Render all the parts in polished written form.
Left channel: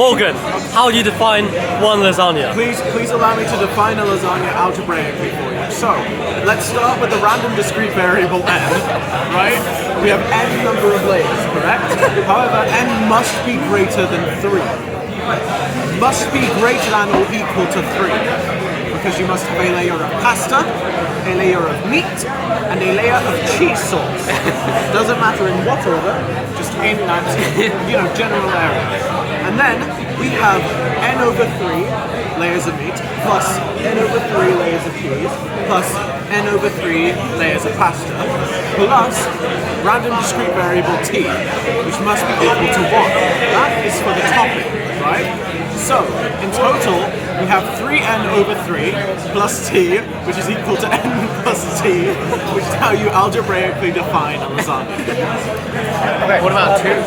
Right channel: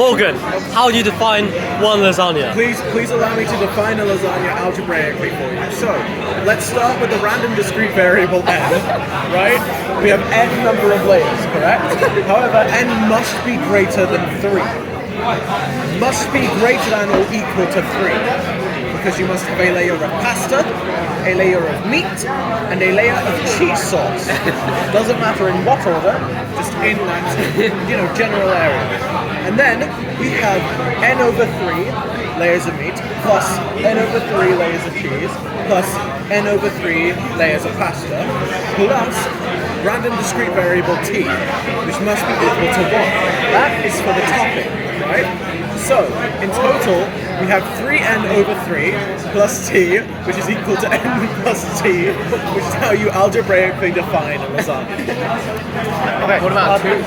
Morgan, how do you define one lasagna? Please allow me to define a lasagna algebraically for you. So, let's start with the random discrete variable n, right? We have n number of layers, correct? However, n must be greater than 3. Must be greater than or equal to 3. Because you must have a layer of pasta, a layer of meat, and a layer of cheese sauce. Doesn't matter in what order, just in that, general area. And then we have n over 3 layers of meat, plus n over 3 layers of cheese, plus n over 3 layers of pasta, plus random discrete variable t, which must be equal to 1. That is for the topping, right? So, in total, we have 3n over 3 plus t, which is equal to n plus t, which is how you algebraically define a lasagna. Okay, what about two?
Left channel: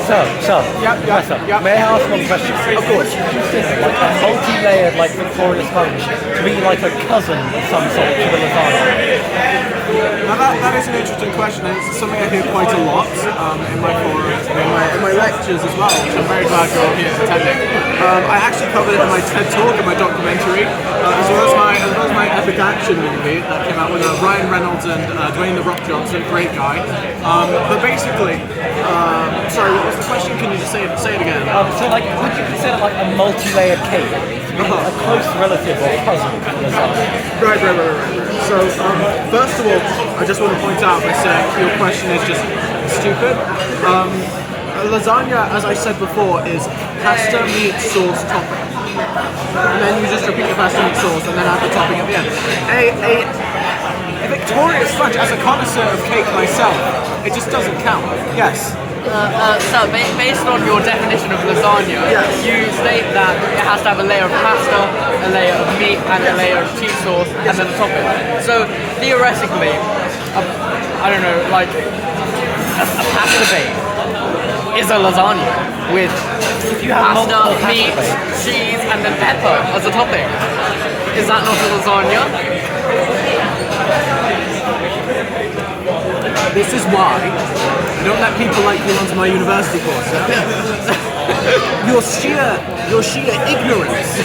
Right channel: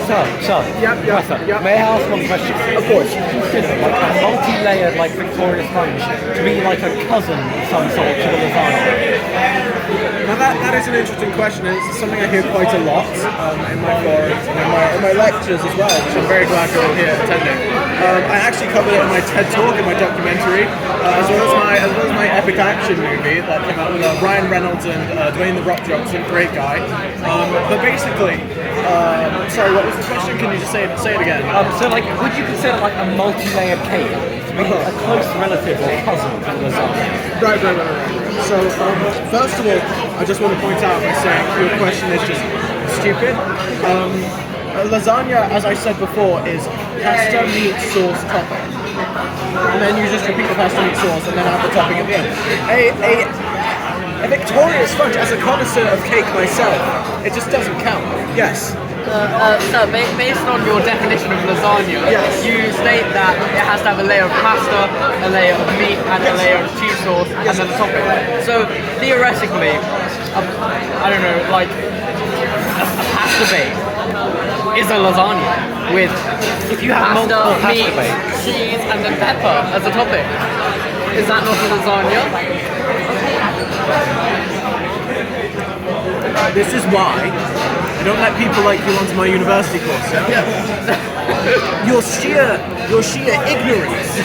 Yeah. May I ask one question? Of course. Consider like a multi-layered, like Victoria sponge to be like a cousin of some sort to the lasagna. Now that is an interesting question, and it's something I hear quite a lot in my forums and in my lectures as well, which I'm very glad you're all here attending. I actually covered it in my TED Talk, in my documentary, as well as my epic action movie that came out with Ryan Reynolds and Dwayne The Rock Johnson, great guy. But basically, sorry, what was the question? Can you just say it again? So like, would you consider like a multi-layered cake to be a close relative or cousin to the lasagna? Right. So, first of all, I just want to point out by saying your question is just stupid. Lasagna, as I said before, is pasta, meat, sauce, topping. And then you just repeat the pasta, meat, sauce, and then add the topping at the end. A Victoria sponge, as a connoisseur of cake myself, it just doesn't count. Yes. So, based on your definition of lasagna, you state that it has to have a layer of pasta, a layer of meat, and a layer of cheese sauce, and then the topping. So, theoretically, I don't know, like a pasta bake is a lasagna with pasta, meat, cheese, and then pepper as a topping. Is that not a lasagna? This is why I don't let people like you onto my university course. Your sheer ignorance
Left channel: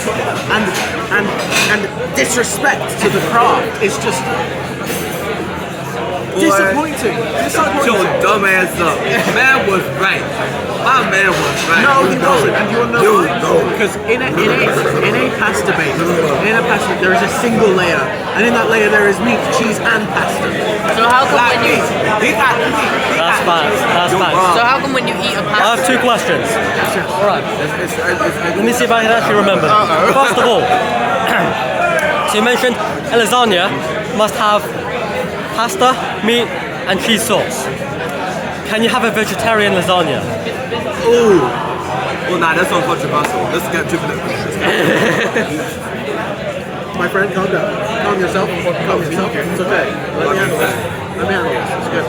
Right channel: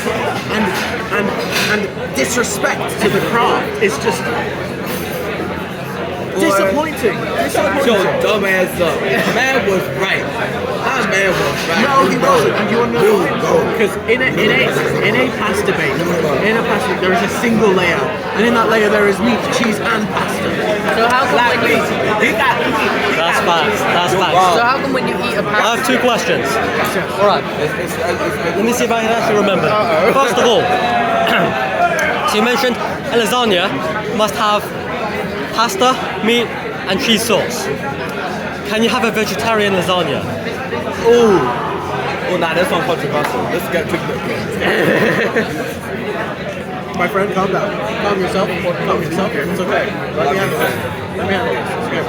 and disrespect to the craft is just disappointing. Your dumb ass up. Man was right. My man was right. No, he wasn't. And you know why? Because in a pasta bake, there is a single layer, and in that layer there is meat, cheese, and pasta. So how come when you That's bad. so how come when you eat a I pasta? have two questions. Alright, let me see if I can actually remember. First of all, so you mentioned a lasagna must have pasta, meat, and cheese sauce. Can you have a vegetarian lasagna? Ooh. Well, nah, that's uncontroversial. Let's get to the. My friend, calm down. Calm yourself. Calm yourself. It's okay. Let me handle this. It's good.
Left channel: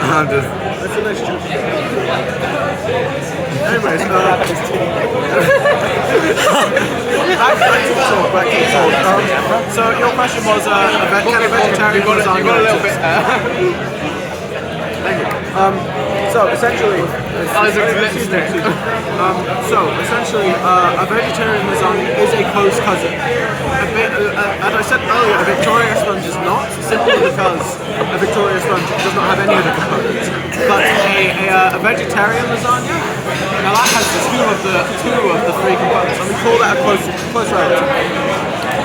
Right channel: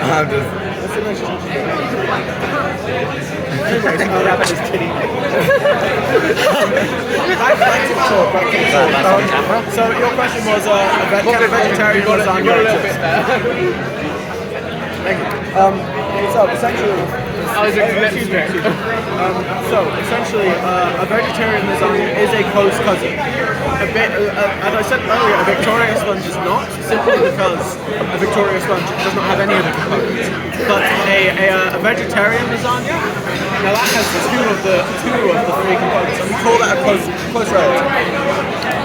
I'm just. That's the next Anyways, so your question was can a vegetarian lasagna exist? Thank you. So essentially, a vegetarian lasagna is a close cousin. As I said earlier, a Victoria sponge is not, simply because a Victoria sponge does not have any of the components. But a vegetarian lasagna, now that has two of the three components, and we call that a close relative.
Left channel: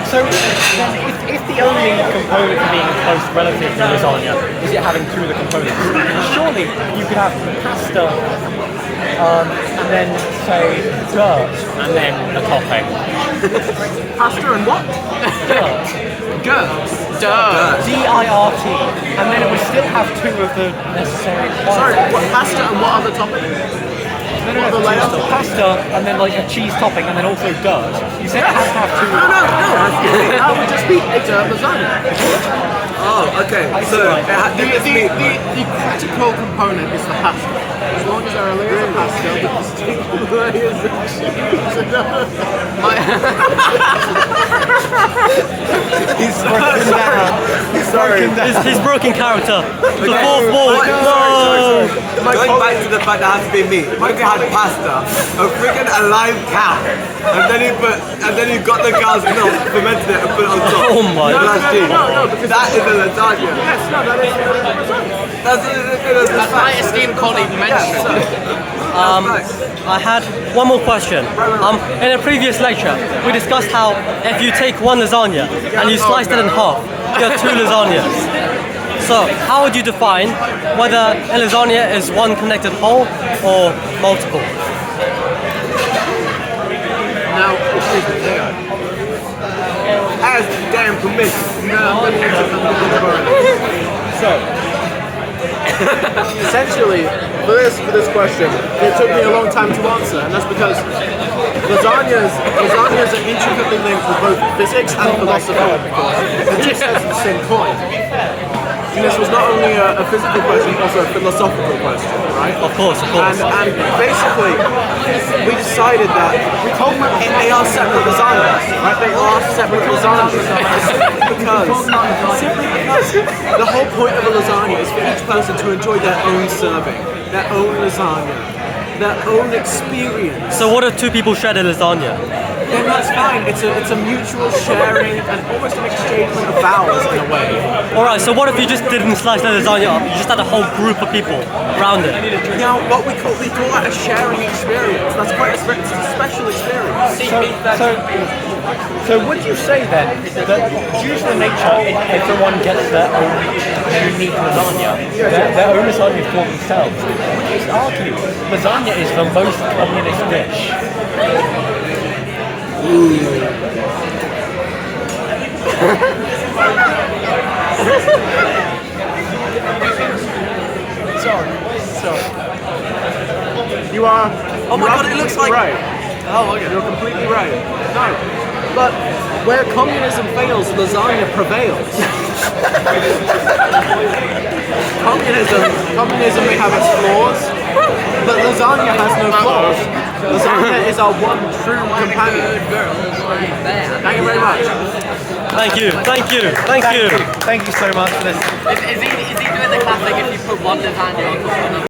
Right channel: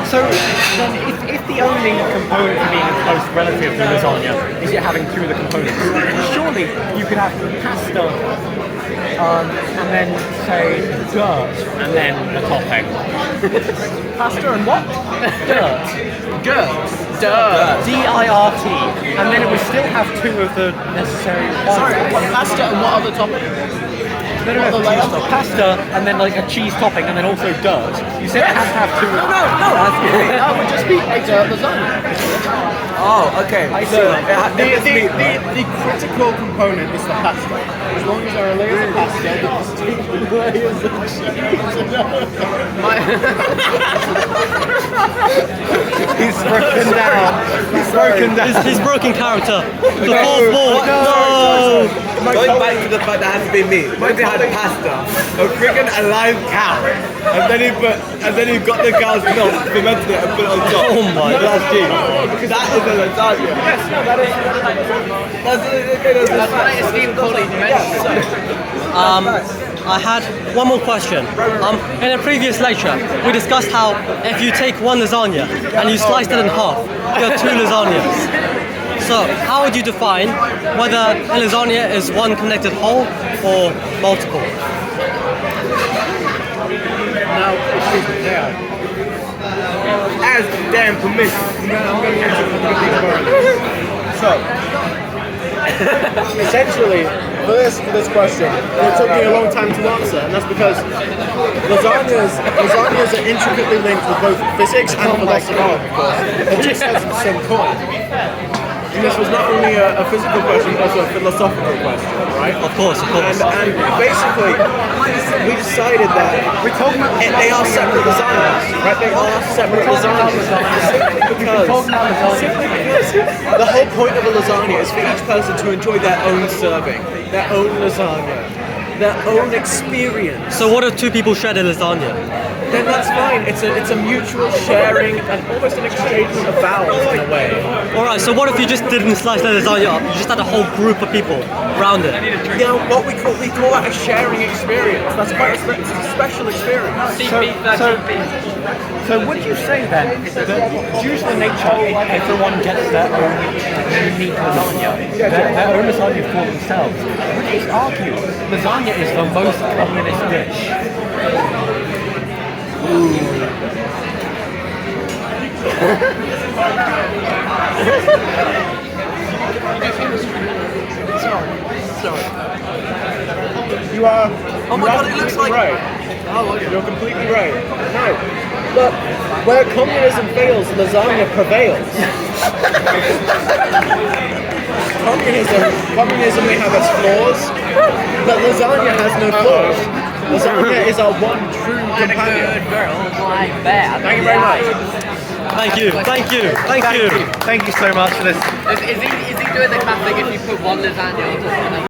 So, if the only component of being a close relative to lasagna is it having two of the components, surely you could have pasta and then say dirt and then the topping. Pasta and what? Dirt. D-I-R-T. And then it would still have two of the necessary ones. Sorry, what pasta and what other topping? No, pasta and then like a cheese topping and then also dirt. You said it has to have two. No. That would just be a dirt lasagna. Oh, okay. So The critical component is the pasta. As long as there are layers of pasta, the distinct layers of He's broken down. He's broken down. He's broken character. The No, fourth wall. no, No. Going back to the fact that it has to be meat. What if they had pasta, a freaking alive cow, and then he got the cow's milk, fermented it, and put it on top? Oh my That's cheese. That is a lasagna. Yes, no, that is. As my esteemed colleague mentioned, I had one more question. In a previous lecture, we discussed how if you take one lasagna and you slice it in half, you have two lasagnas. So, how would you define whether a lasagna is one connected whole or multiple? Now, excuse me. As damn permission. So, essentially, for this question, it took me a long time to answer, and that's because lasagnas are intricately linked with both physics and philosophy, of course. They're two sides of the same coin. And this was not only a physical question, but also a philosophical question, right? Of course, of course. And basically, we decided that they are separate lasagnas, right? They are separate lasagnas. Because the whole point of a lasagna is for each person to enjoy their own serving, their own lasagna, their own experience. So what if two people shared a lasagna? Then that's fine. It's a mutual sharing and almost an exchange of vowels in a way. Alright, so what if you just didn't slice the lasagna up, you just had a whole group of people around it? Now, what we call that a sharing experience. That's quite a special experience. So would you say then that due to the nature everyone gets their own unique lasagna, their own lasagna for themselves, would you argue lasagna is the most communist dish? You are. Oh my god, it looks like... Right. You're completely right. No. But where communism fails, lasagna prevails. Communism may have its flaws, but lasagna has no flaws. Lasagna is our one true companion. Thank you very much. Thank you. Thank you so much for this. is he doing the classic if you put one lasagna, you put one